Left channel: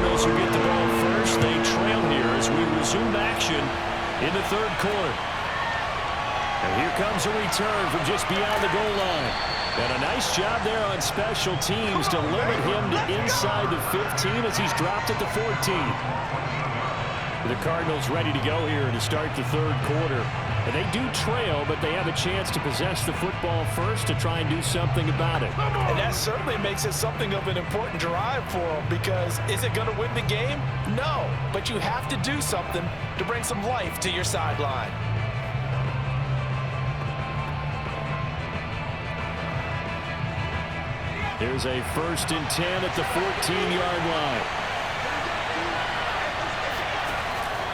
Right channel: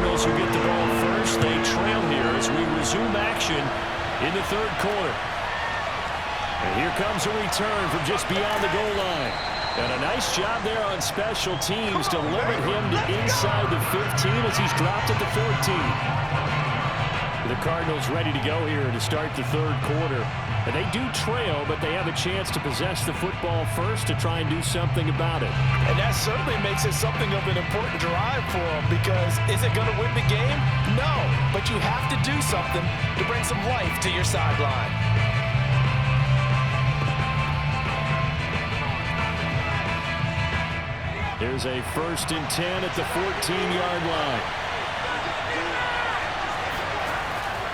Cardinals who get the ball first. They trail here as we resume action in the third quarter. And here comes a return from just beyond the goal line. And a nice job there on special teams to limit him to inside the 15 as he's dropped at the 14. The Cardinals ready to go here to start the third quarter. And they do trail, but they have a chance to possess the football first to try and do something about it. And that certainly makes it something of an important drive for them, because is it going to win the game? No, but you have to do something to bring some life to your sideline. There's a 1st and 10 at the 14-yard line.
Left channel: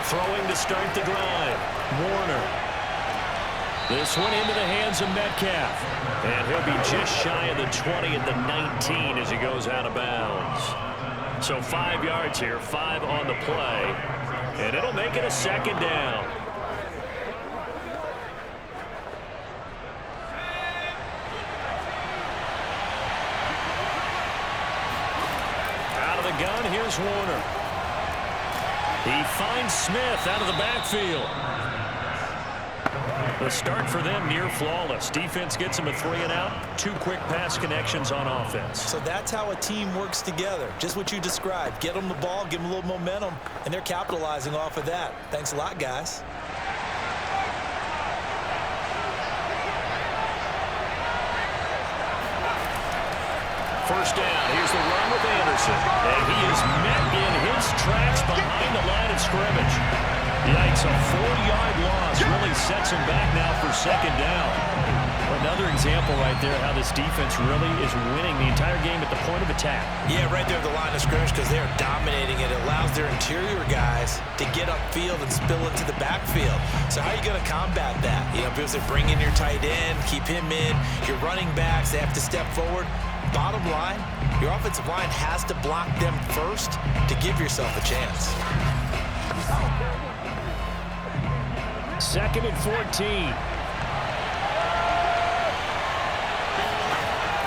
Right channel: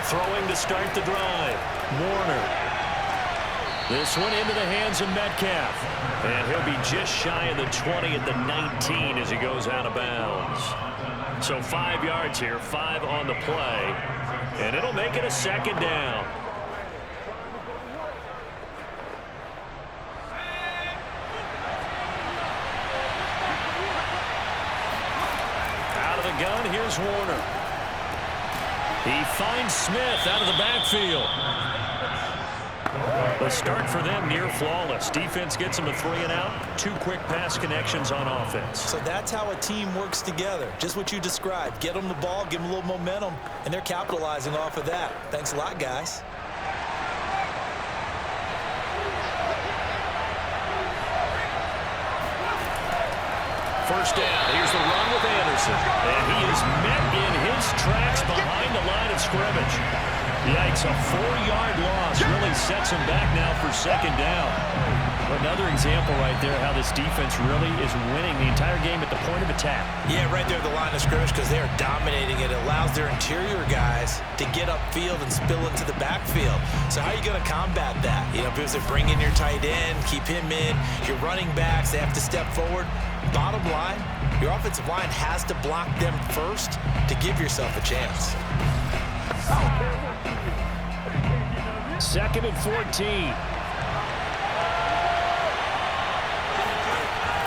Throwing to start the drive. Warner. This one into the hands of Metcalf. And he'll be just shy of the 20 at the 19 as he goes out of bounds. So 5 yards here, 5 on the play. And it'll make it a 2nd down. Out of the gun, here's Warner. He finds Smith out of the backfield. The start for them near flawless. Defense gets them a 3 and out. 2 quick pass connections on offense. So that's how a team works together. Just what you described. Get them the ball, give them a little momentum, and they're capitalizing off of that. Thanks a lot, guys. First down. Here's the run with Anderson. And he is met in his tracks behind the line of scrimmage. Yikes, a 4-yard loss really sets him back now for 2nd down. Another example right there how this defense really is winning the entire game at the point of attack. Yeah, right there at the line of scrimmage, because they are dominating it. It allows their interior guys to get upfield and spill into the backfield. So how are you going to combat that? You know, because they bring in your tight end, keep him in. Your running backs, they have to step forward. Bottom line, your offensive line has to block them first to give yourself a chance. 2nd and 14.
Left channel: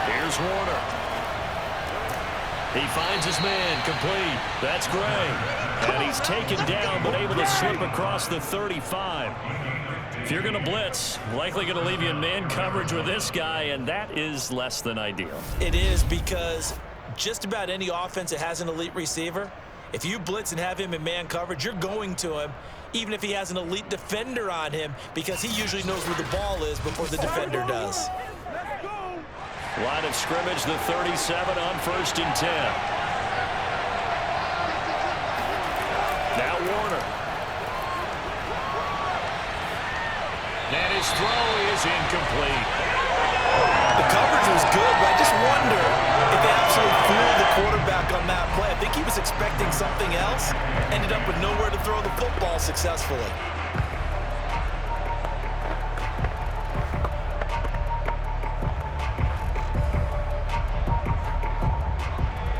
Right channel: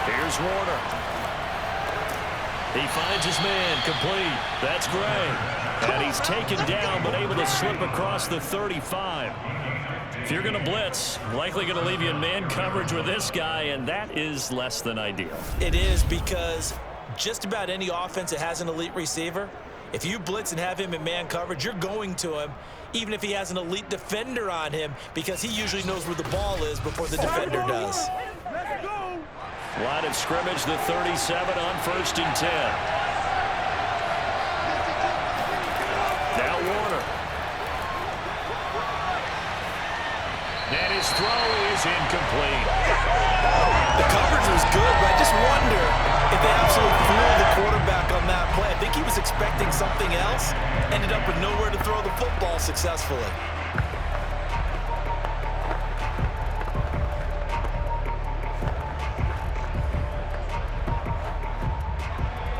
Here's Warner. He finds his man, complete. That's Gray. And he's taken down, but able to slip across the 35. If you're going to blitz, likely going to leave you in man coverage with this guy, and that is less than ideal. It is, because just about any offense that has an elite receiver, if you blitz and have him in man coverage, you're going to him, even if he has an elite defender on him, because he usually knows where the ball is before the defender does. Line of scrimmage, the 37 on 1st and 10. Now Warner. And his throw is incomplete. The coverage was good, but I just wonder if they absolutely fooled the quarterback on that play. I think he was expecting something else, ended up with nowhere to throw the football successfully.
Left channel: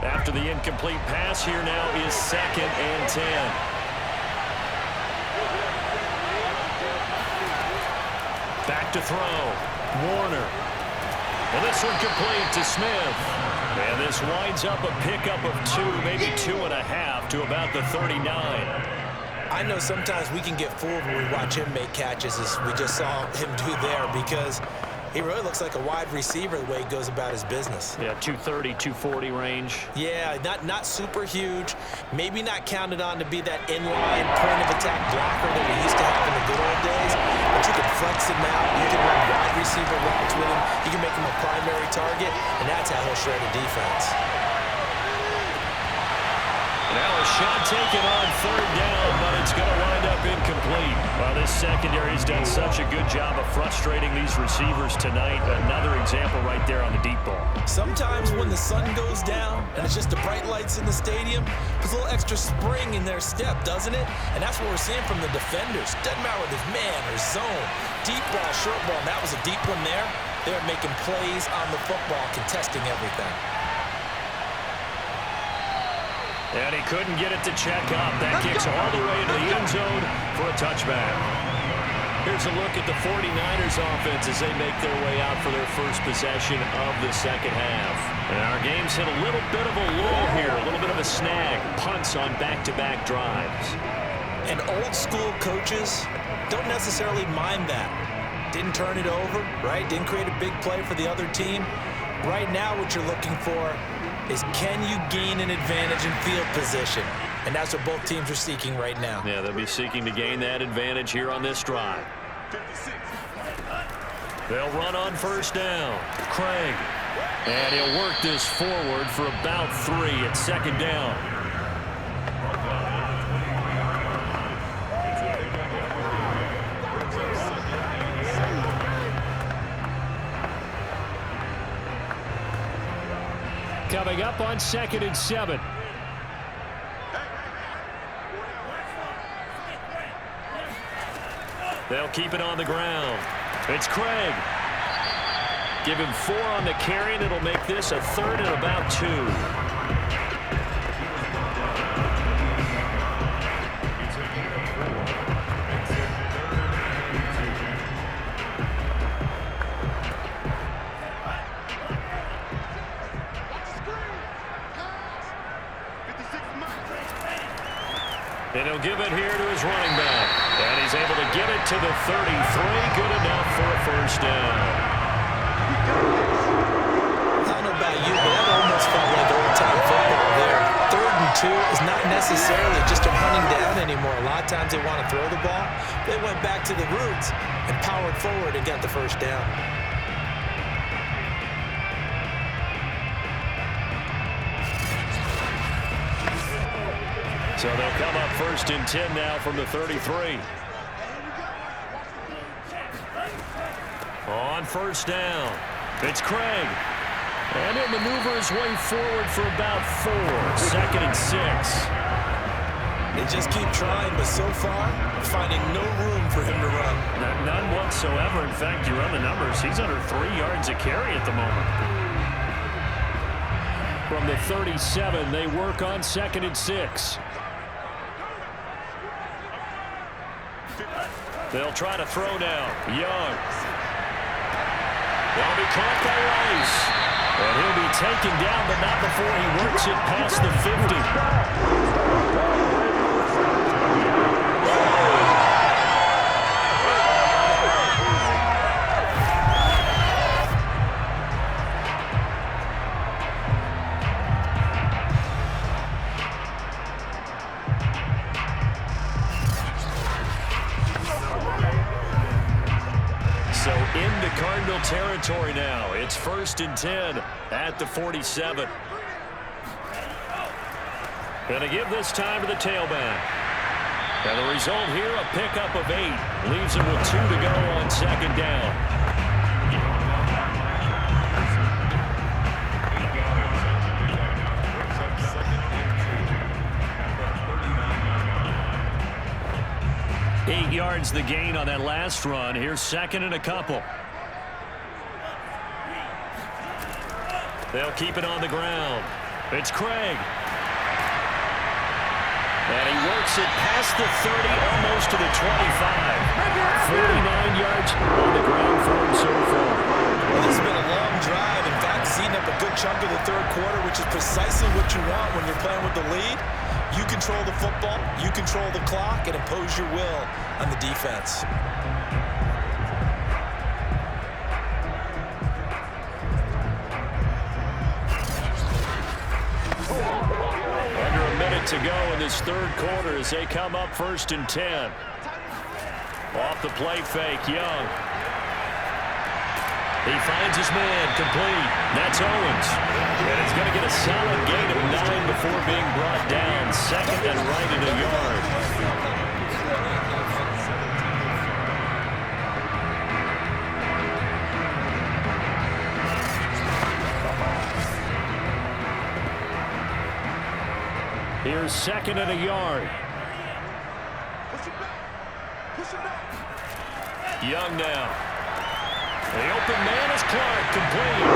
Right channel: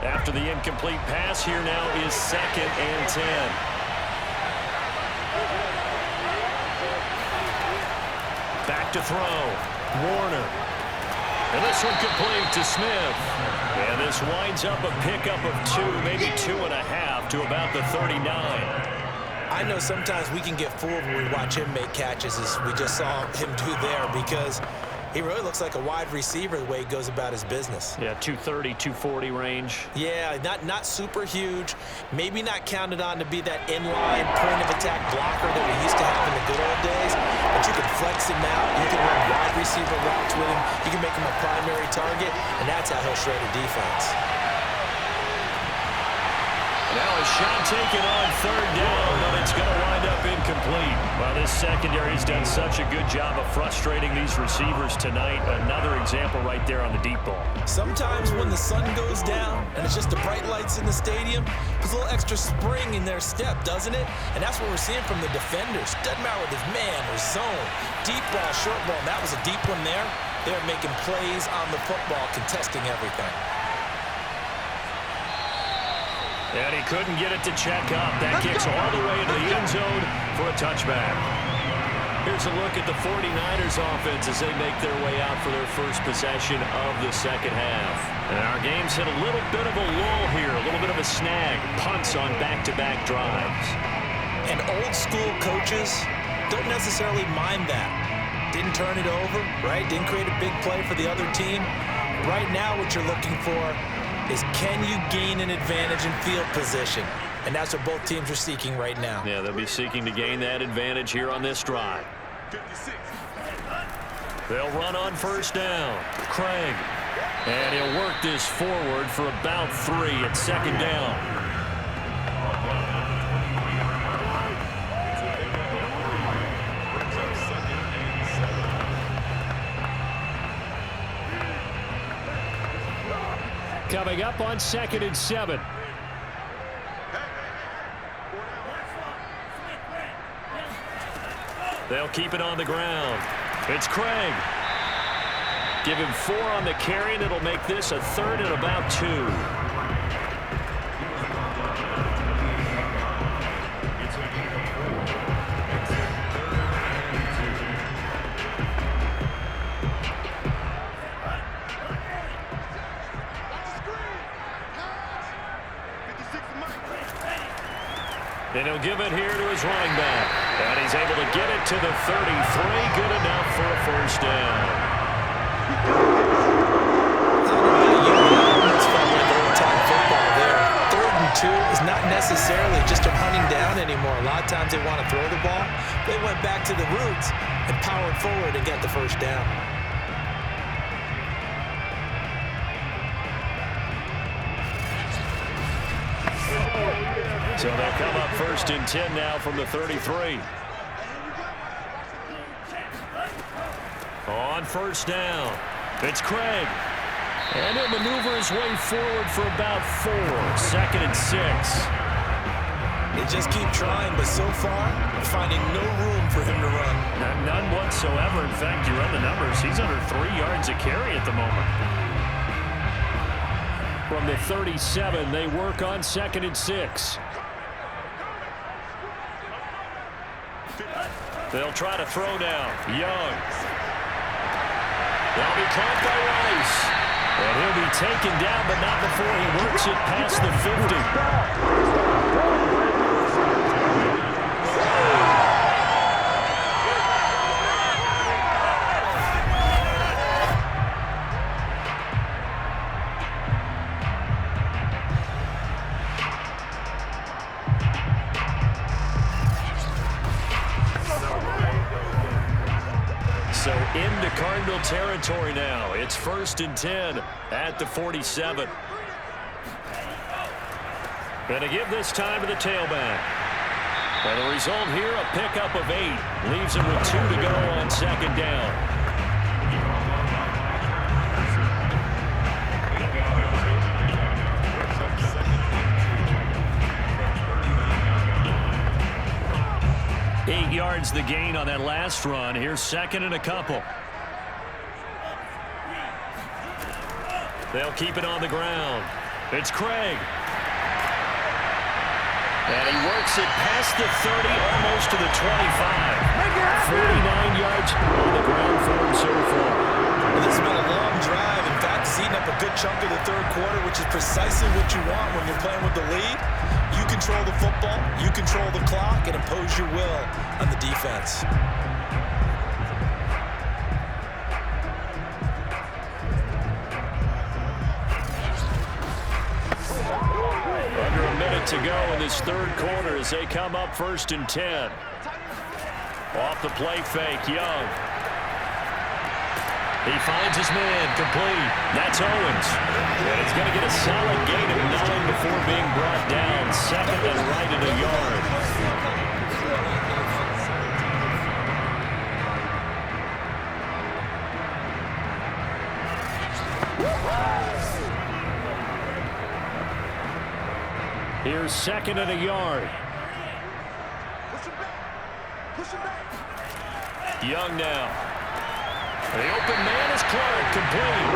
After the incomplete pass, here now is 2nd and 10. Back to throw. Warner. And this one complete to Smith. And this winds up a pickup of 2, maybe 2.5 to about the 39. I know sometimes we can get fooled when we watch him make catches, as we just saw him do there, because he really looks like a wide receiver the way he goes about his business. Yeah, 230, 240 range. Yeah, not super huge. Maybe not counted on to be that inline point-of-attack blocker that we used to have in the good old days. But you can flex him out. You can run wide receiver routes with him. You can make him a primary target, and that's how he'll shred a defense. Now a shot taken on 3rd down, but it's going to wind up incomplete. Well, this secondary has done such a good job of frustrating these receivers tonight. Another example right there on the deep ball. Sometimes when the sun goes down and it's just the bright lights in the stadium, there's a little extra spring in their step, doesn't it? And that's what we're seeing from the defenders. Doesn't matter whether it's man or zone, deep ball, short ball. And that was a deep one there. They're making plays on the football, contesting everything. And he couldn't get it to check up. That kicks all the way into the end zone for a touchback. Here's a look at the 49ers offense as they make their way out for their first possession of the second half. And our game's hit a little bit of a lull here, a little bit of a snag. Punts on back-to-back drives. And old school coaches don't necessarily mind that. Didn't turn it over, right? Didn't create a big play for the other team. Right now what you're looking for is, can you gain an advantage in field position? And that's what both teams are seeking right now. Yeah, they'll be seeking to gain that advantage here on this drive. 56. They'll run on first down. Craig. And he'll work this forward for about 3 at second down. Coming up on 2nd and 7. They'll keep it on the ground. It's Craig. Give him 4 on the carry, and it'll make this a 3rd and about 2. And he'll give it here to his running back. And he's able to get it to the 33. Good enough for a first down. I don't know about you, but I almost felt like old-time football there. 3rd and 2 is not necessarily just a hunting down anymore. A lot of times they want to throw the ball. They went back to the roots and powered forward and got the first down. So they'll come up 1st and 10 now from the 33. On first down, it's Craig. And he'll maneuver his way forward for about 4. 2nd and 6. They just keep trying, but so far, finding no room for him to run. None whatsoever. In fact, you run the numbers. He's under 3 yards a carry at the moment. From the 37, they work on 2nd and 6. They'll try to throw now. Young. They'll be caught by Rice. And he'll be taken down, but not before he works it past the 50. So into Cardinal territory now. It's 1st and 10 at the 47. Going to give this time to the tailback. And the result here, a pickup of 8. Leaves him with 2 to go on 2nd down. Yards the gain on that last run. Here's 2nd and a couple. They'll keep it on the ground. It's Craig. And he works it past the 30, almost to the 25. 49 yards on the ground for him so far. Well, this has been a long drive. In fact, he's eaten up a good chunk of the 3rd quarter, which is precisely what you want when you're playing with the lead. You control the football, you control the clock, and impose your will on the defense. Under a minute to go in this 3rd quarter as they come up 1st and 10. Off the play fake, Young. He finds his man, complete. That's Owens. And he's going to get a solid gain of 9 before being brought down. 2nd and right at a yard. Here's 2nd and a yard. Young now. The open man is Clark, complete.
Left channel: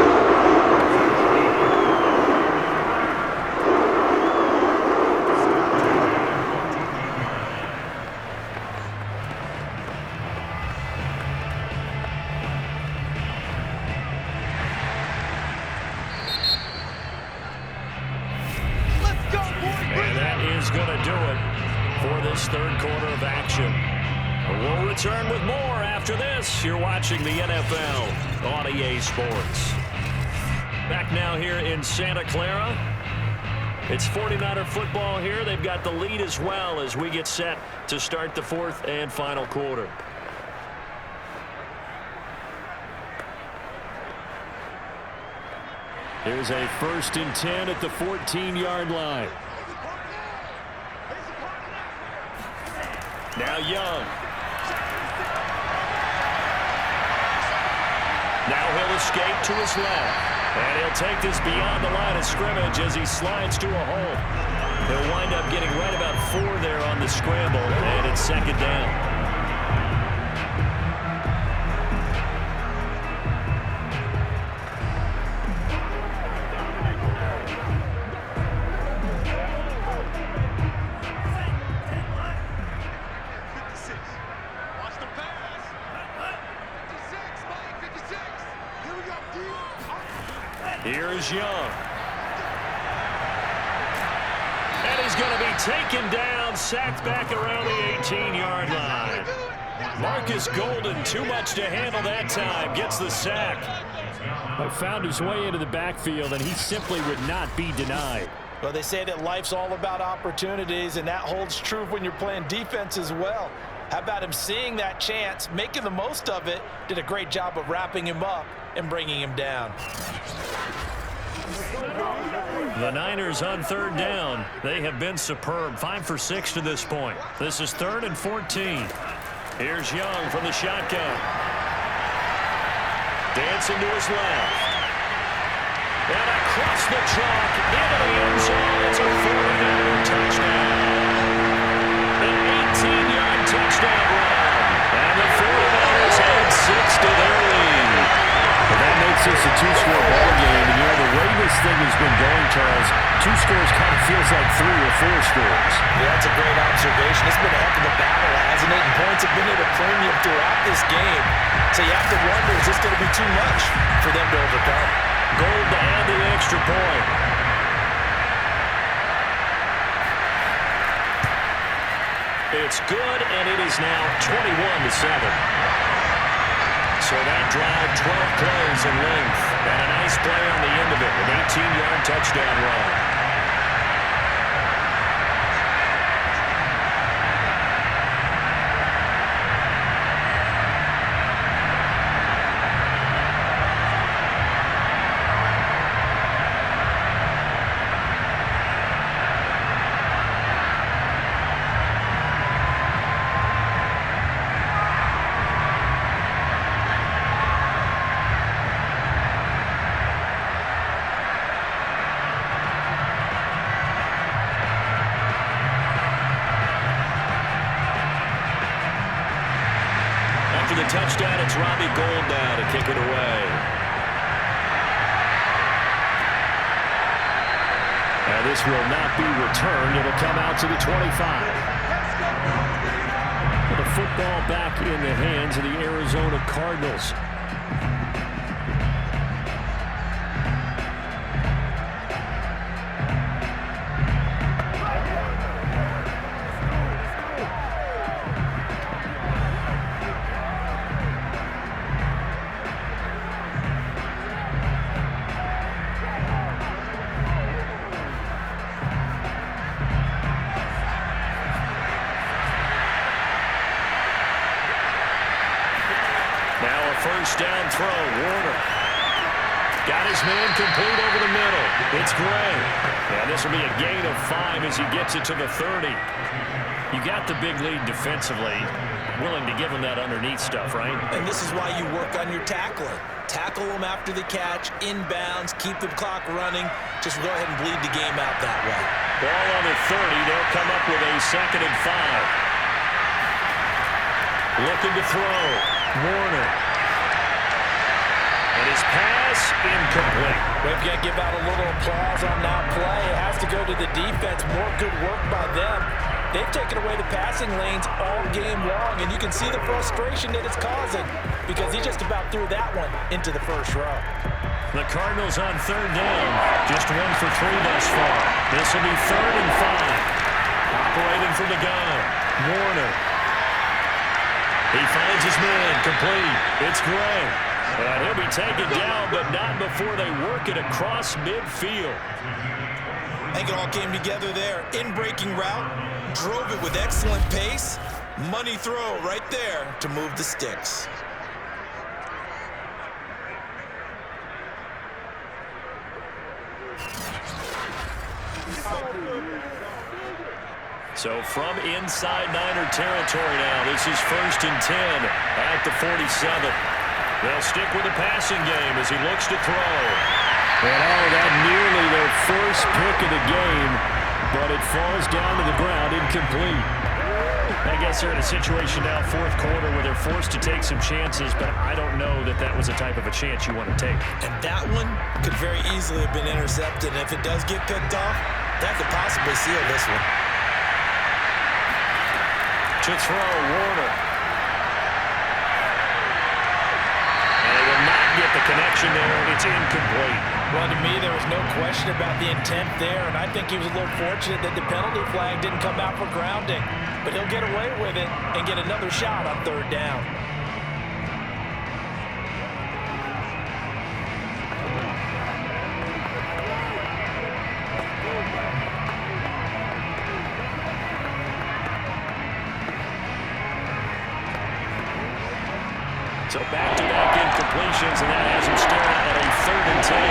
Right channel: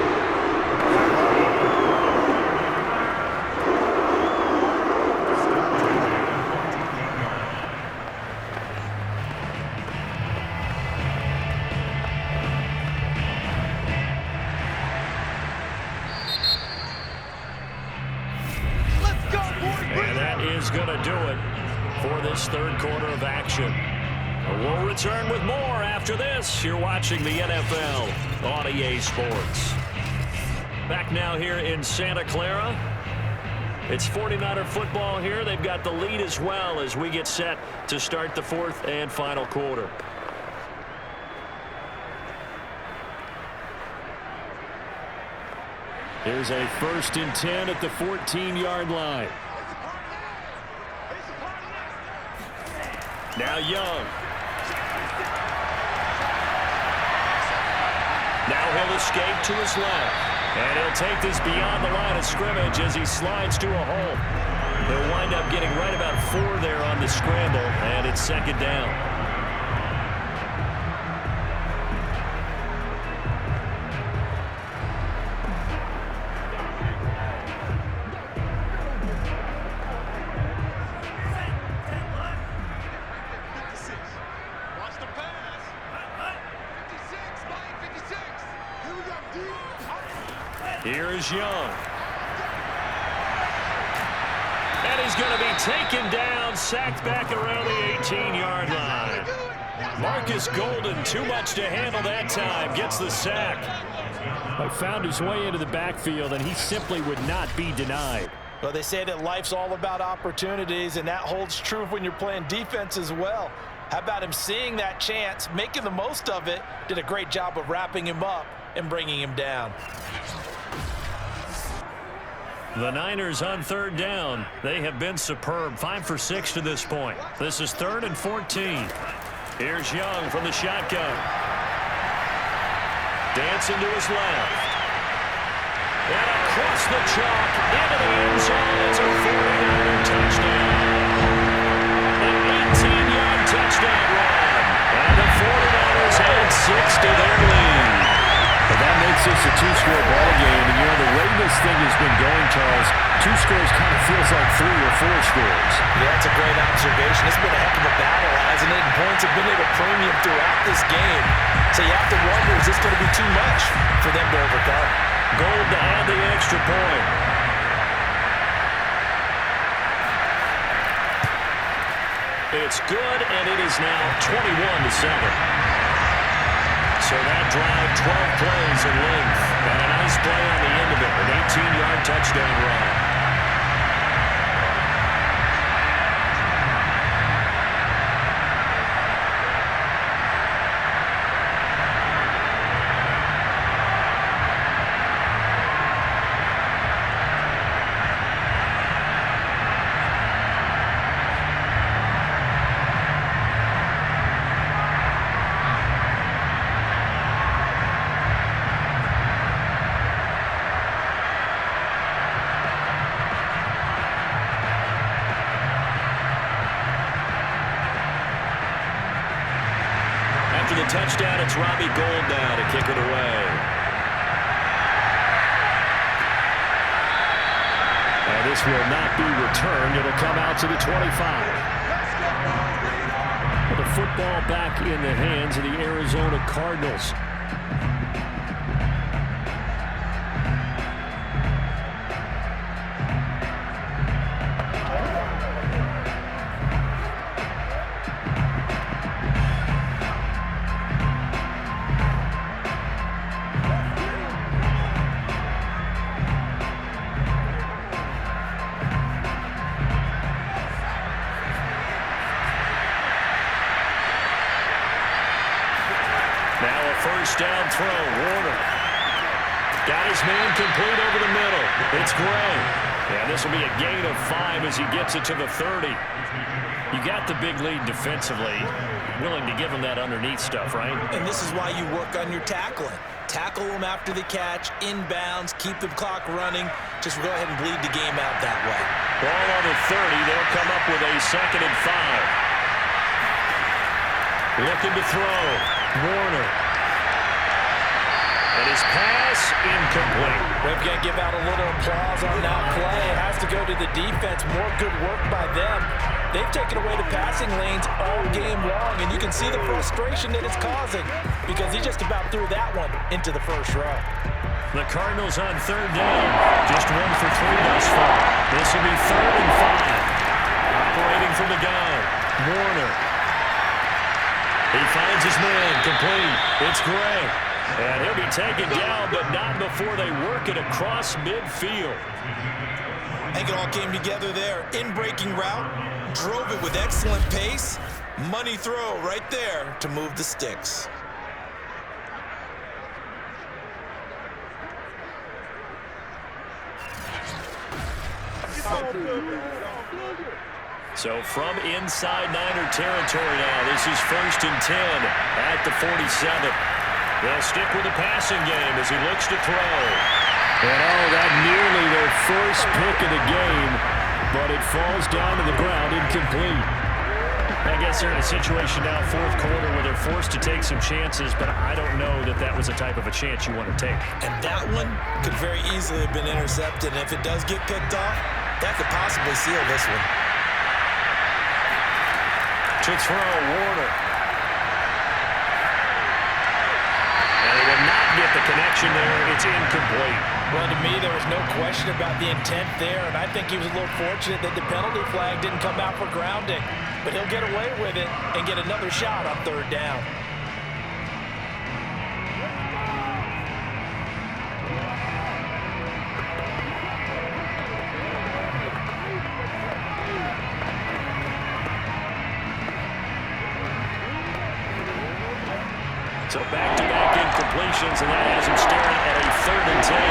is going to do it for this third quarter of action. We'll return with more after this. You're watching the NFL on EA Sports. Back now here in Santa Clara. It's 49er football here. They've got the lead as well as we get set to start the fourth and final quarter. Here's a 1st and 10 at the 14-yard line. Now Young. Now he'll escape to his left. And he'll take this beyond the line of scrimmage as he slides to a hole. He'll wind up getting right about 4 there on the scramble, and it's 2nd down. Here's Young. And he's going to be taken down, sacked back around the 18-yard line. Marcus Golden, too much to handle that time, gets the sack. But found his way into the backfield, and he simply would not be denied. Well, they say that life's all about opportunities, and that holds true when you're playing defense as well. How about him seeing that chance, making the most of it, did a great job of wrapping him up and bringing him down. The Niners on 3rd down. They have been superb. 5 for 6 to this point. This is 3rd and 14. Here's Young from the shotgun. Dancing to his left. And across the chalk into the end zone. It's a 49er touchdown. An 18-yard touchdown run. And the 49ers add 6 to their lead. But that makes this a 2-score ball game. And, you know, the way this thing has been going, Charles, 2 scores kind of feels like 3 or 4 scores. Yeah, that's a great observation. It's been a heck of a battle, hasn't it? And points have been at a premium throughout this game. So you have to wonder, is this going to be too much for them to overcome? Gold to add the extra point. It's good, and it is now 21-7. So that drive, 12 plays in length, and a nice play on the end of it, an 18-yard touchdown run. After the touchdown, it's Robbie Gould now to kick it away. And this will not be returned. It'll come out to the 25. The football back in the hands of the Arizona Cardinals. Now a first down throw. Warner got his man complete over the middle. It's Gray. Yeah, this will be a gain of 5 as he gets it to the 30. You got the big lead defensively. Willing to give him that underneath stuff, right? And this is why you work on your tackling. Tackle them after the catch, inbounds, keep the clock running. Just go ahead and bleed the game out that way. Ball on the 30. They'll come up with a 2nd and 5. Looking to throw. Warner. And his pass incomplete. We've got to give out a little applause on that play. It has to go to the defense. More good work by them. They've taken away the passing lanes all game long, and you can see the frustration that it's causing because he just about threw that one into the first row. The Cardinals on 3rd down. Just 1 for 3 thus far. This will be 3rd and 5. Operating from the gun, Warner. He finds his man, complete. It's Gray. And he'll be taken down, but not before they work it across midfield. I think it all came together there. In-breaking route, drove it with excellent pace. Money throw right there to move the sticks. So from inside Niner territory now, this is 1st and 10 at the 47. They'll stick with the passing game as he looks to throw. And that nearly their first pick of the game, but it falls down to the ground incomplete. I guess they're in a situation now, 4th quarter, where they're forced to take some chances, but I don't know that that was a type of a chance you want to take. And that one could very easily have been intercepted, and if it does get picked off, that could possibly seal this one. To throw, Warner. And they will not get the connection there. It's incomplete. Well, to me, there was no question about the intent there, and I think he was a little fortunate that the penalty flag didn't come out for grounding. But he'll get away with it and get another shot on 3rd down. So back-to-back incompletions, and that has him staring at a 3rd and 10.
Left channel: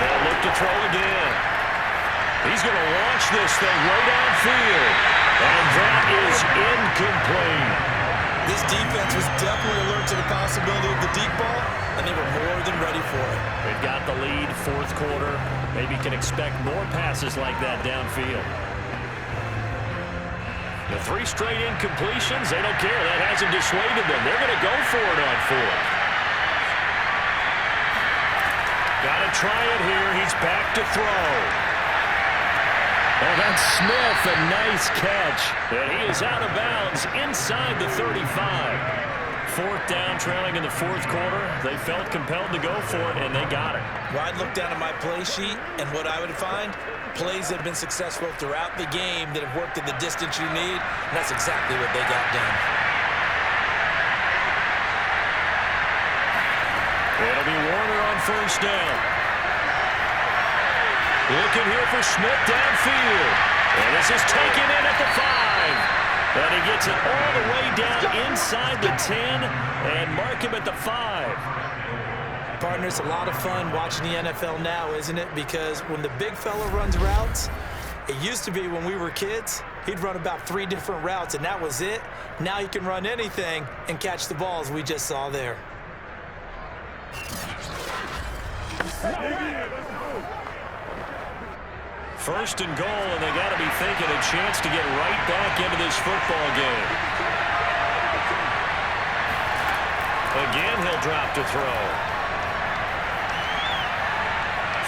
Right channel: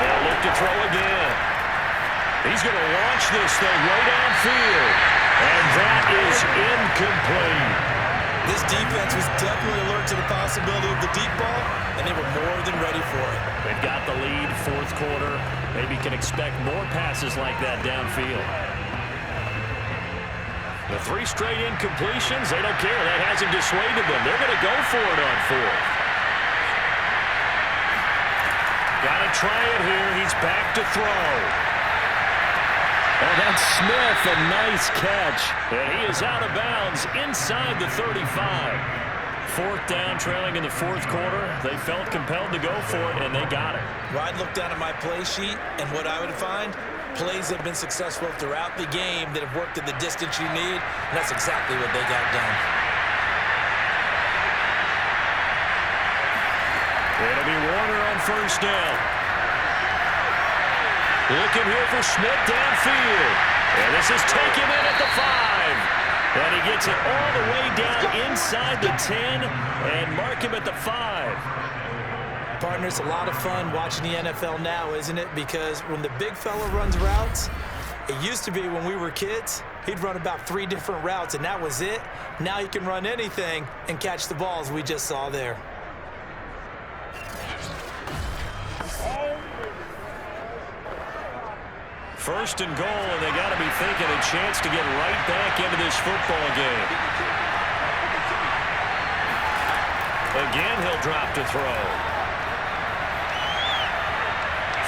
They'll look to throw again. He's going to launch this thing way downfield, and that is incomplete. This defense was definitely alert to the possibility of the deep ball, and they were more than ready for it. They've got the lead, 4th quarter. Maybe can expect more passes like that downfield. The 3 straight incompletions, they don't care. That hasn't dissuaded them. They're going to go for it on 4th. Got to try it here. He's back to throw. Oh, that's Smith, a nice catch. And he is out of bounds inside the 35. 4th down, trailing in the 4th quarter. They felt compelled to go for it, and they got it. Well, I'd look down at my play sheet, and what I would find, plays have been successful throughout the game that have worked at the distance you need, and that's exactly what they got done. It'll be Warner on 1st down. Looking here for Smith downfield. And this is taken in at the 5. And he gets it all the way down inside the 10 and mark him at the 5. Partner, it's a lot of fun watching the NFL now, isn't it? Because when the big fella runs routes, it used to be when we were kids, he'd run about 3 different routes, and that was it. Now he can run anything and catch the balls we just saw there. First and goal, and they got to be thinking a chance to get right back into this football game. Again, he'll drop to throw.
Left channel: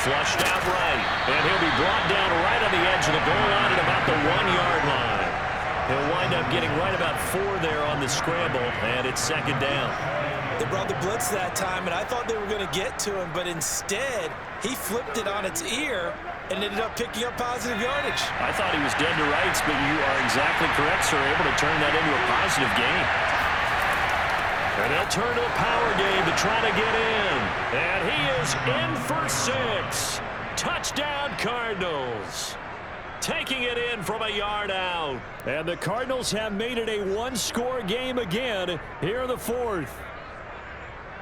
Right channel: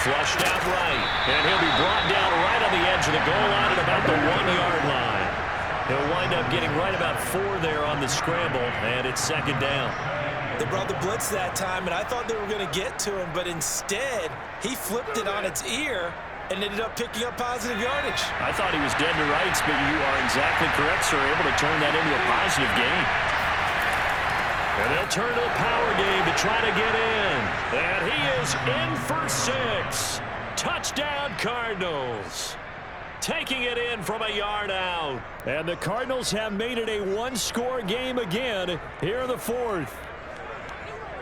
Flushed out right, and he'll be brought down right on the edge of the goal line at about the 1-yard line. He'll wind up getting right about 4 there on the scramble, and it's 2nd down. They brought the blitz that time, and I thought they were going to get to him, but instead, he flipped it on its ear and ended up picking up positive yardage. I thought he was dead to rights, but you are exactly correct, sir. Able to turn that into a positive gain. And they'll turn to the power game to try to get in. And he is in for 6. Touchdown, Cardinals. Taking it in from a yard out. And the Cardinals have made it a 1-score game again here in the 4th.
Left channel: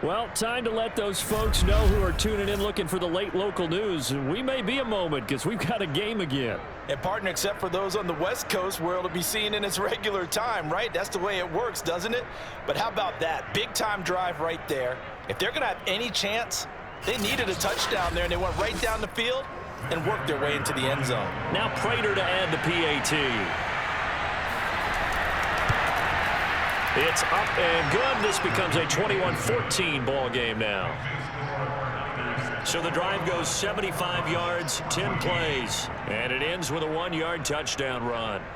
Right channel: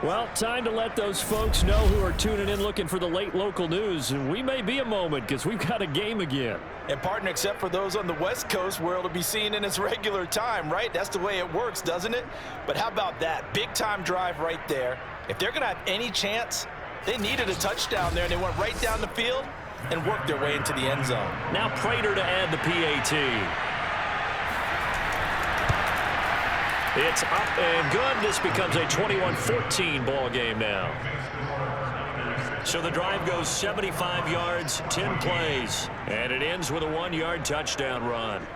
Well, time to let those folks know who are tuning in looking for the late local news. We may be a moment because we've got a game again. And partner, except for those on the West Coast where it'll be seen in its regular time, right? That's the way it works, doesn't it? But how about that? Big time drive right there. If they're going to have any chance, they needed a touchdown there, and they went right down the field and worked their way into the end zone. Now Prater to add the PAT. It's up and good. This becomes a 21-14 ball game now. So the drive goes 75 yards, 10 plays, and it ends with a 1-yard touchdown run.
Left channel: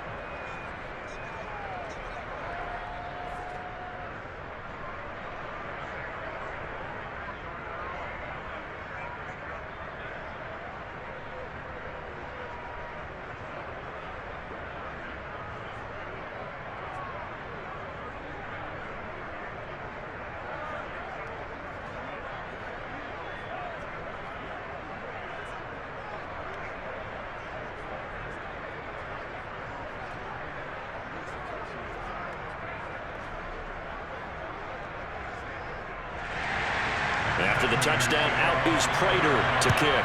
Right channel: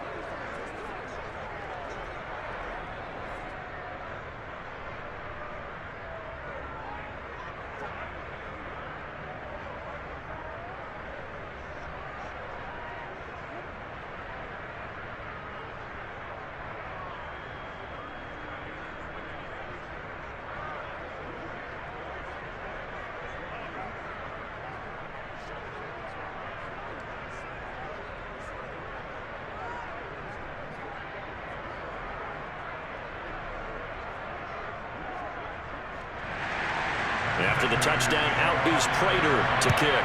After the touchdown, out is Prater to kick.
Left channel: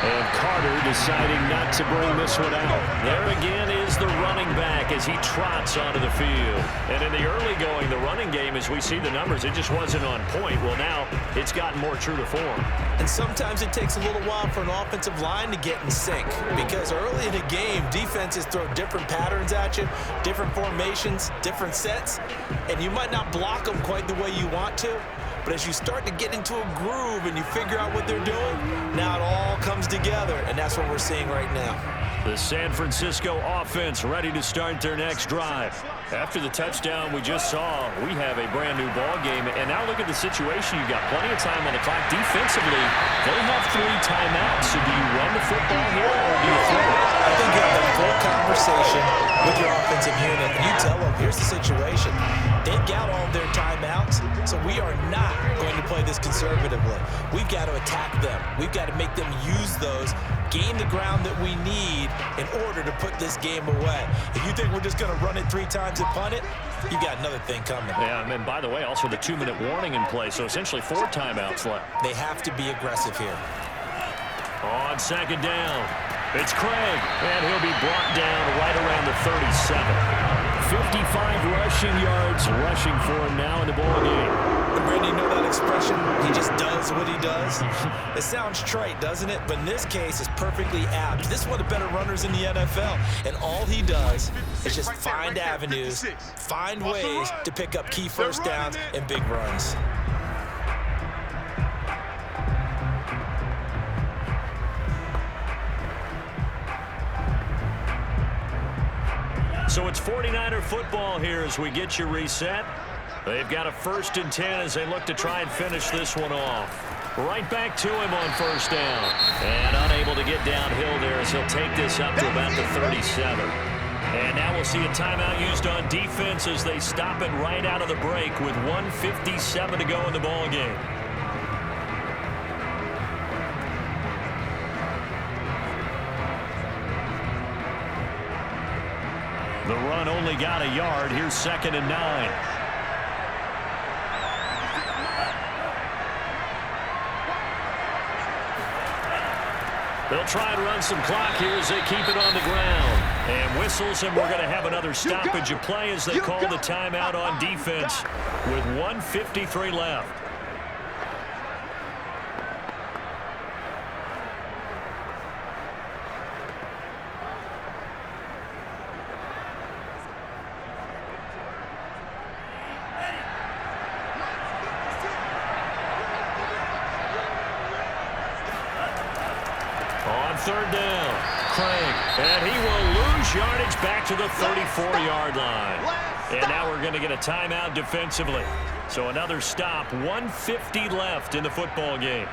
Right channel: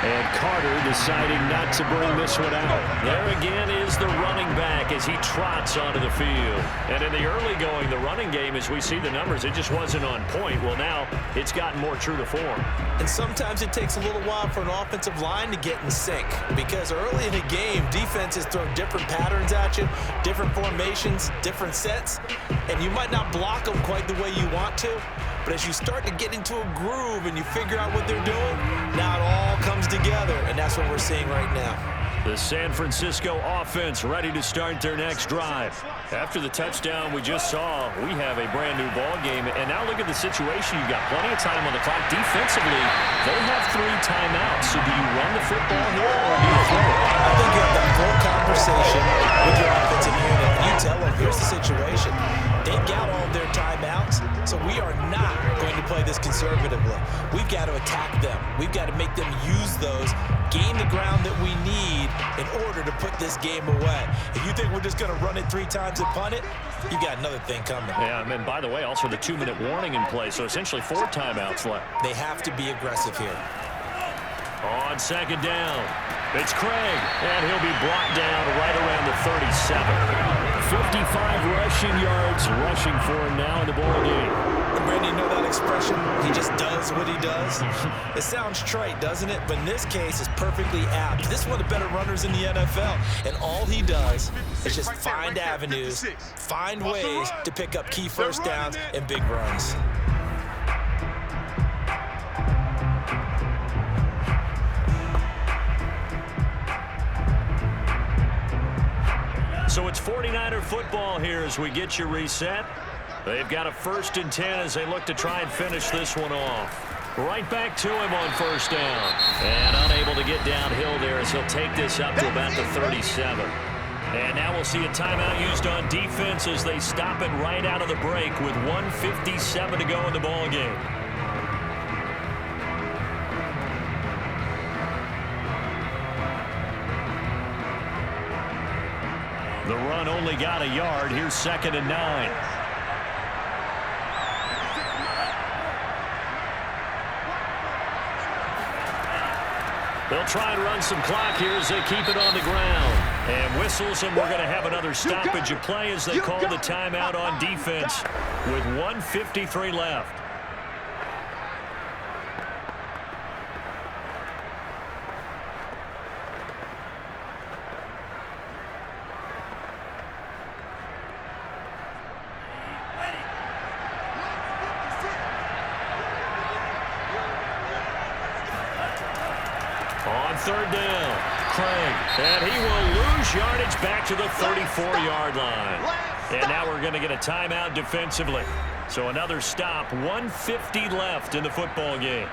And Carter deciding not to bring this one out. There again is the running back as he trots onto the field. And in the early going, the running game, as we see the numbers, it just wasn't on point. Well, now it's gotten more true to form. And sometimes it takes a little while for an offensive line to get in sync, because early in a game, defenses throw different patterns at you, different formations, different sets, and you might not block them quite the way you want to. But as you start to get into a groove and you figure out what they're doing, now it all comes together, and that's what we're seeing right now. The San Francisco offense ready to start their next drive. After the touchdown we just saw, we have a brand-new ball game. And now look at the situation. You've got plenty of time on the clock. Defensively, they have 3 timeouts. So do you run the football here or do you throw it? I think you have that full conversation with your offensive unit, and you tell them, here's the situation. They've got all of their timeouts, so we are not going to play this conservatively. We've got to attack them. We've got to make them use those, gain the ground that we need in order to put this game away. If you think we're just going to run it 3 times and punt it, you've got another thing coming. Yeah, and by the way, also the 2-minute warning in play, so essentially 4 timeouts left. They have to be aggressive here. On second down, it's Craig, and he'll be brought down right around the 37. 55 rushing yards rushing for him now in the ball game. And Brandon, you know that expression? He just does what he does. It sounds trite, doesn't it? But in this case, it's perfectly apt. This is one of the better runners in the NFL, and all he does is just find avenues, find ways to pick up key first downs and big runs. So it's 49er football here as we get you reset. They've got a 1st and 10 as they look to try and finish this one off. Right back to him on 1st down. And unable to get downhill there as he'll take this up to about the 37. And now we'll see a timeout used on defense as they stop it right out of the break with 1:57 to go in the ball game. The run only got a yard. Here's 2nd and 9. They'll try and run some clock here as they keep it on the ground. And whistles, and we're going to have another stoppage of play as they call the timeout on defense with 1:53 left. On 3rd down, Craig, and he will lose yardage back to the 34-yard line. And now we're going to get a timeout defensively. So another stop, 1:50 left in the football game.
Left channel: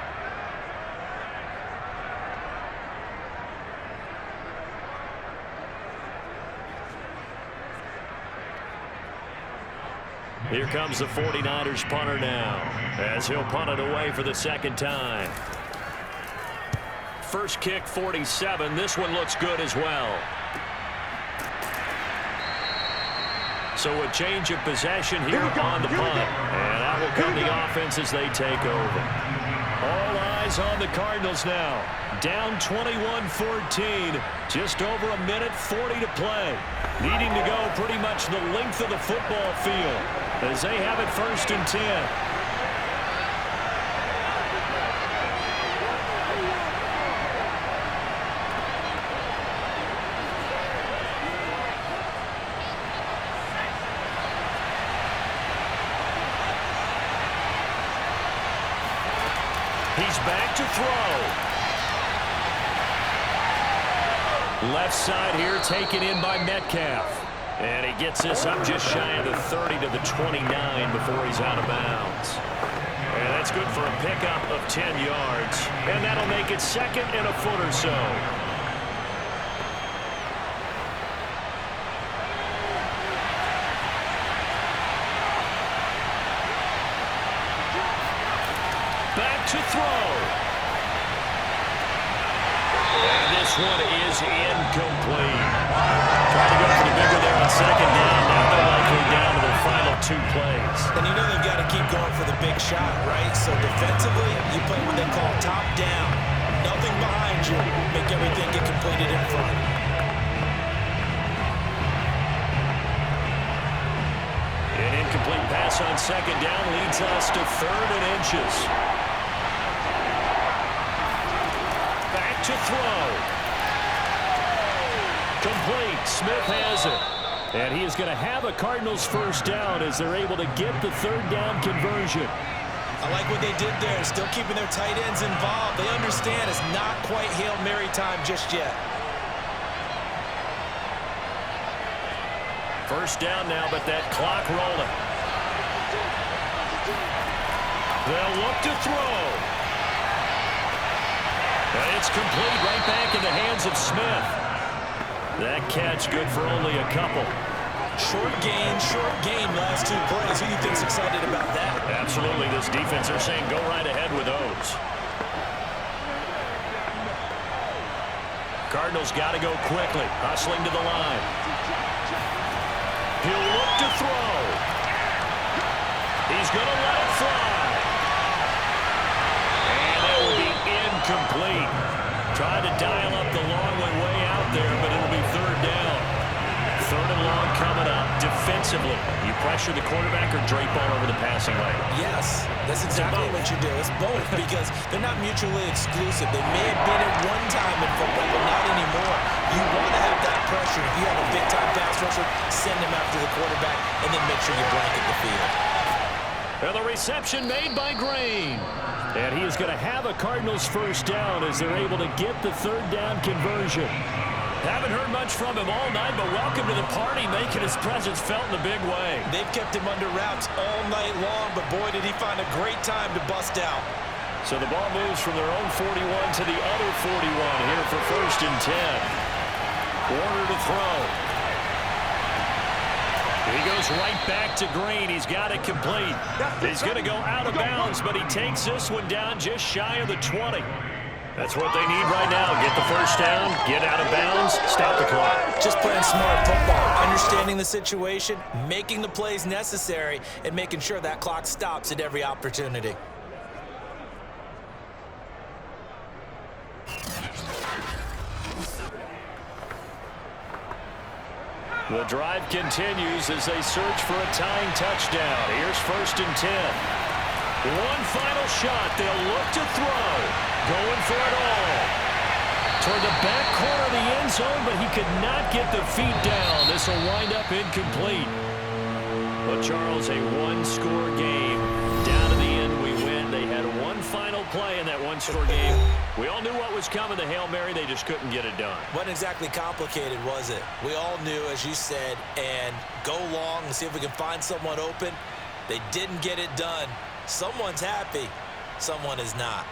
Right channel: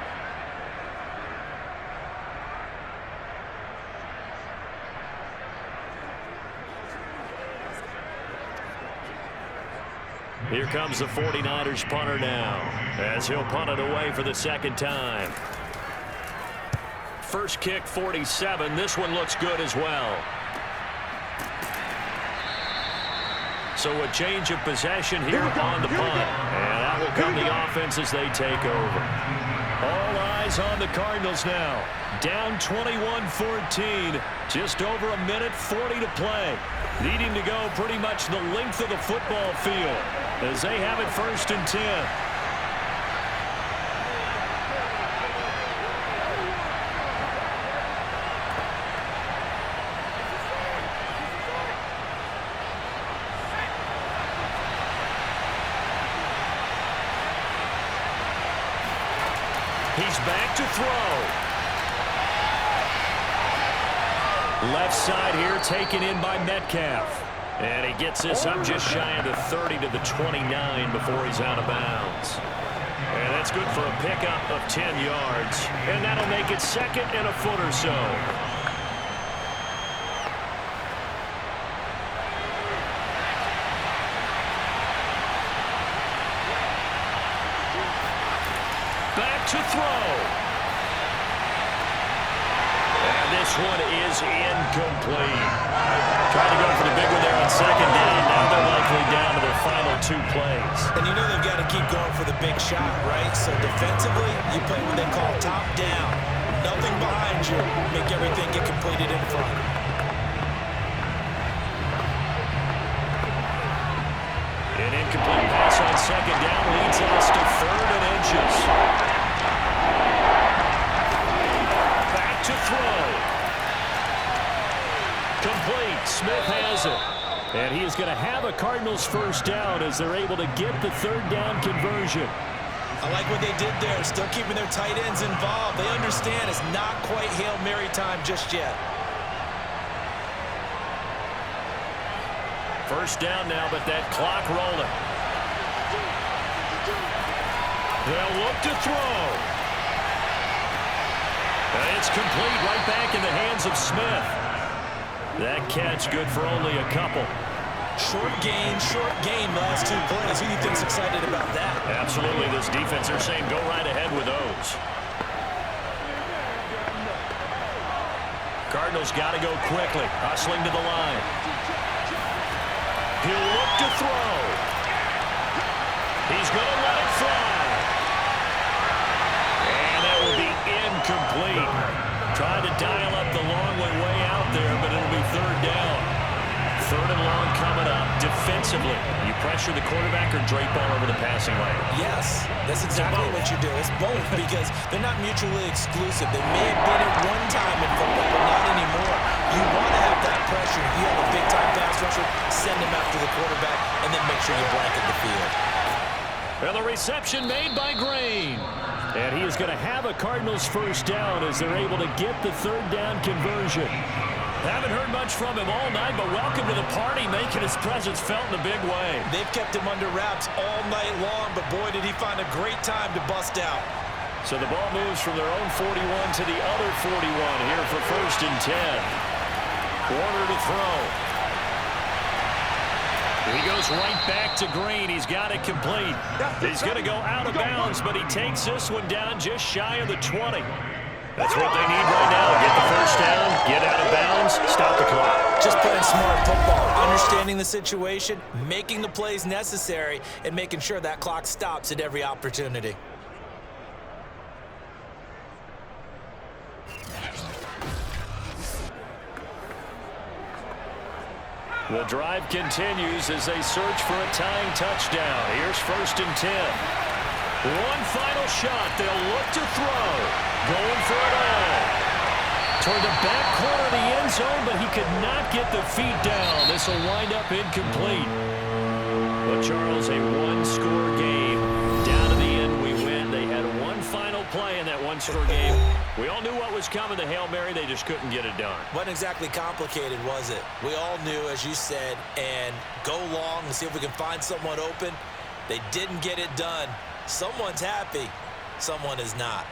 Here comes the 49ers punter now as he'll punt it away for the 2nd time. First kick, 47. This one looks good as well. So a change of possession here on the punt. And that will come the offense as they take over. All eyes on the Cardinals now. Down 21-14. Just over 1:40 to play. Needing to go pretty much the length of the football field as they have it 1st and 10. He's back to throw. Left side here taken in by Metcalf. And he gets this up just shy of the 30 to the 29 before he's out of bounds. And that's good for a pickup of 10 yards. And that'll make it 2nd and a foot or so. Back to throw. And this one is incomplete. Trying to go for the big one there on second down. Now they're likely down to their final 2 plays. And you know they've got to keep going for the big shot, right? So defensively, you play what they call top down. Nothing behind you. Make everything get completed in front. An incomplete pass on second down leads us to 3rd and inches. Back to throw. Complete. Smith has it. And he is going to have a Cardinals first down as they're able to get the 3rd down conversion. I like what they did there, still keeping their tight ends involved. They understand it's not quite Hail Mary time just yet. First down now, but that clock rolling. They'll look to throw. And it's complete right back in the hands of Smith. That catch good for only a couple. Short gain last 2 plays. Who do you think's excited about that? Absolutely. This defense, they're saying go right ahead with those. Cardinals got to go quickly. Hustling to the line. He'll look to throw. He's going to let it fly. And that will be incomplete. Tried to dial up the long one way out there, but it'll be 3rd down. 3rd and long coming up. Defensively, you pressure the quarterback or drape all over the passing lane? Yes, that's exactly what you do. It's both because they're not mutually exclusive. They may have been at one time in football, but not anymore. You want to have that pressure. If you have a big-time pass rusher, send him after the quarterback, and then make sure you blanket the field. Well, the reception made by Green. And he is going to have a Cardinals first down as they're able to get the 3rd down conversion. Haven't heard much from him all night, but welcome to the party, making his presence felt in a big way. They've kept him under wraps all night long, but boy, did he find a great time to bust out. So the ball moves from their own 41 to the other 41 here for 1st and 10. Warner to throw. He goes right back to Green. He's got it complete. He's going to go out of bounds, but he takes this one down just shy of the 20. That's what they need right now. Get the first down, get out of bounds, stop the clock. Just playing smart football, understanding the situation, making the plays necessary, and making sure that clock stops at every opportunity. The drive continues as they search for a tying touchdown. Here's 1st and 10. One final shot. They'll look to throw. Going for it all. Toward the back corner of the end zone, but he could not get the feet down. This will wind up incomplete. But Charles, a one-score game. Down to the end, we win. They had one final play in that one-score game. We all knew what was coming, the Hail Mary. They just couldn't get it done. Wasn't exactly complicated, was it? We all knew, as you said, and go long and see if we can find someone open. They didn't get it done. Someone's happy. Someone is not.